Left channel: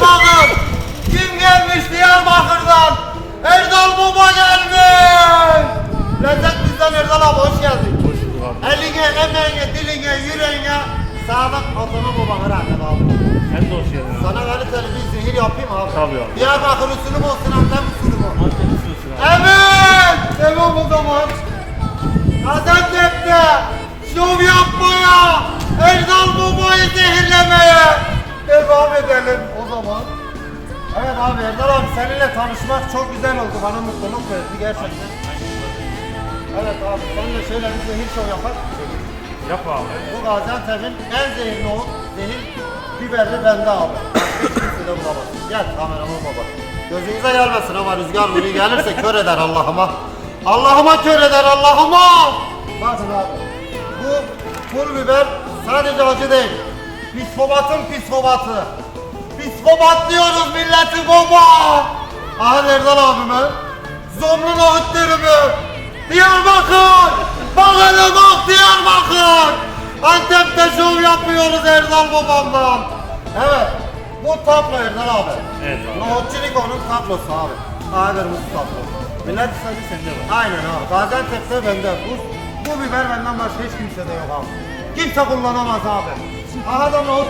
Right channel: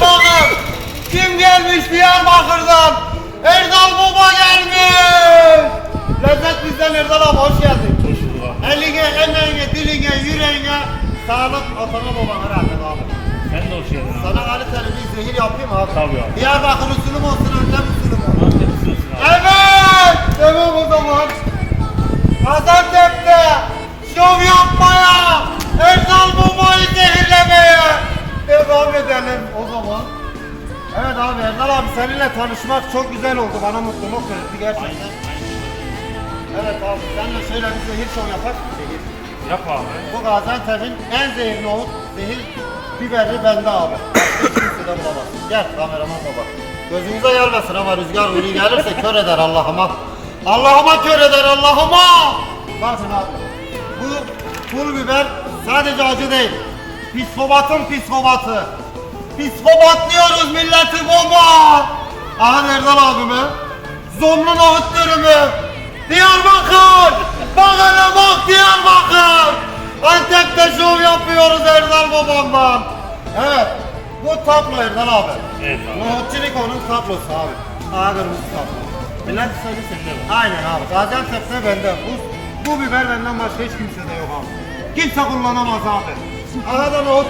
bakın. Kim gelmiş Diyarbakır'dan? Erdal Baba gelmiş. Lezzet bizden Erdal abi hoş geldin. Hoş bulduk abi. Eline, emeğine, diline, yüreğine sağlık atana babana rahmet abi. Sen de hoş geldin abi. Sana kaliteli bir zehir yapayım abi. Tabii abi. Diyarbakır usulü mü olsun, Antep usulü mü? Antep usulüsün abi. Evet! Devam o zaman. Gaziantep'te şov yapmaya, seninle tanışmak çok güzel oldu. Bana mutluluk verdi gerçekten. Evet abi seninle şöyle bir zehir şov yapak. Yap abi. Bu Gaziantep'in en zehirli olup zehir biberli bende abi. Kimse de bulamaz. Gel kameraman baba. Gözünüze gelmesin ama rüzgar böyle gelirse kör eder Allah'ıma. Allah'ıma kör eder Allah'ıma. Bakın abi. Bu pul biber sadece acı değil. Psikobatın psikobatı. Psikobat diyoruz milleti baba. Aha Erdal abime. Zomlu nohut dürümü. Diyarbakır. Bak hele bak Diyarbakır. Antep'te şov yapıyoruz Erdal babamdan. Evet. Bu tablo Erdal abi. Evet abi. Nohutçilik onun tablosu abi. Aha kırmızı tablo. Millet sadece sende var. Aynen abi. Gaziantep'te benden. Bu, bu biber benden başka hiç kimsede yok abi. Kimse kullanamaz abi. Aha da nohut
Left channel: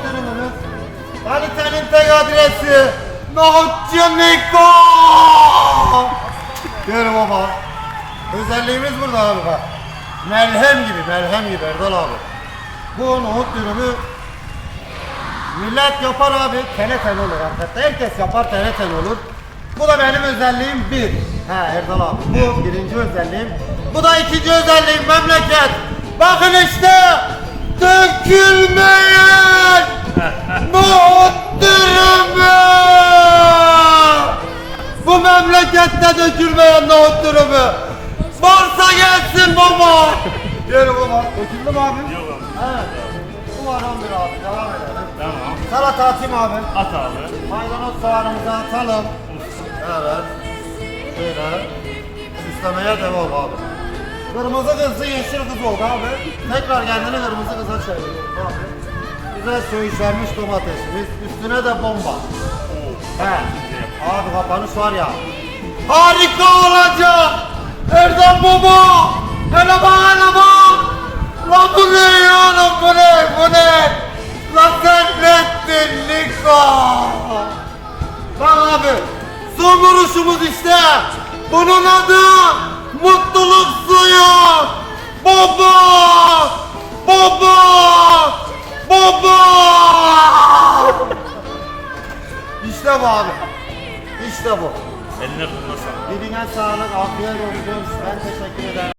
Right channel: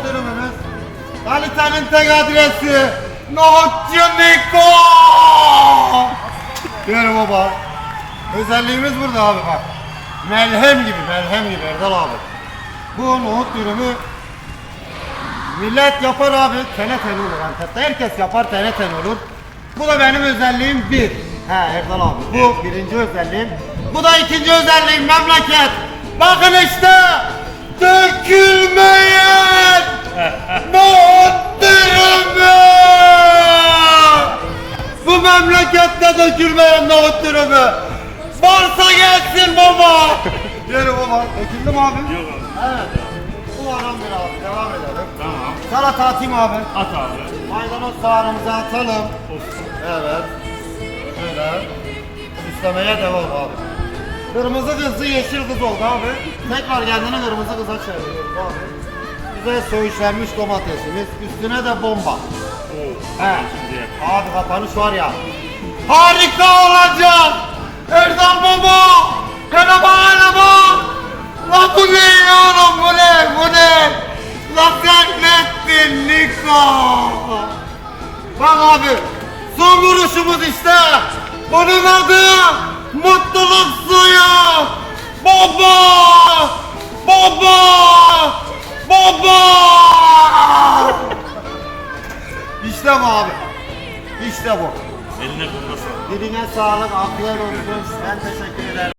Kalitenin tek adresi. Nohutçu Niko. Gör baba. Özelliğimiz burada abi bak. Melhem gibi, melhem gibi Erdal abi. Bu nohut dürümü millet yapar abi. Tene tene olur Antep'te. Herkes yapar tene tene olur. Bu da benim özelliğim bir. He Erdal abi. Bu birinci özelliğim. Bu da ikinci özelliğim memleket. Bakın işte dökülmeyen nohut dürümü. Bu memlekette dökülmeyen nohut dürümü. Varsa gelsin baba. Yürü baba. Döküldü mü abi? Yok abi. Evet. Bu adamdır abi. Devam edelim. Tamam. Salata atayım abi. At abi. Maydanoz soğanımızı atalım. Olsun. Evet. Böyle. İstemeye devam abi. Kırmızı kızı yeşil kız oldu abi. Tekrar kendini kırmızı kıza çeviriyor abi. Bize söğüşlenmiş domatesimiz. Üstüne de bomba. He. Abi kapanış var ya. Harika olacak. Erdem baba. Hele bak. Lan bu ne yiyorum bu ne bu ne? Lan sen nettin Niko. Bak abi. Son vuruşumuz işte. Bunun adı mutluluk suyu. Baba. Baba. Baba. İşte bu abi. İşte bu. Eline kurmasın. Diline sağlık, afiyet olsun. Ben teşekkür ederim.